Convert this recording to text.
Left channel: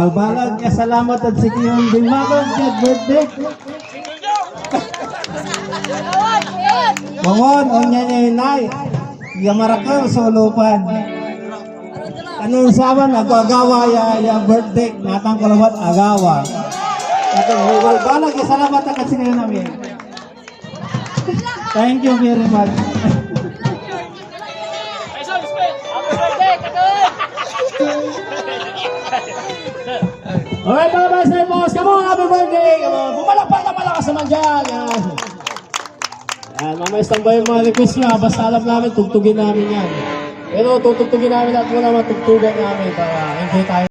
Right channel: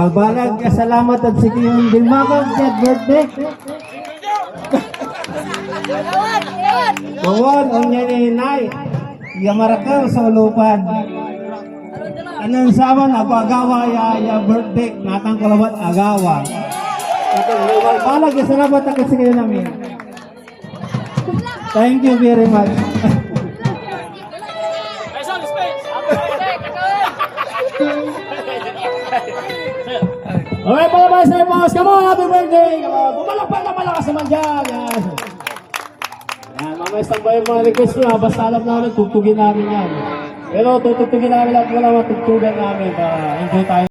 Balbalag ya salamat at sige yung dimagong get birthday. Bawon unya inay. Ya marakal sa lupan. Anong saman ako agawa ya birthday natang kalawat agawa. Atong balbalag ya salamat at sige namin. Thank you very much. Alright mga basta boss, come on, happy birthday! Bumalakpak na malakas naman dyan! Yan, mamaya standby yung mga request nyo, basta alam namin, tugtugin namin yan. Pero tutugtugin namin at wala matugtugan namin para enjoy tayo.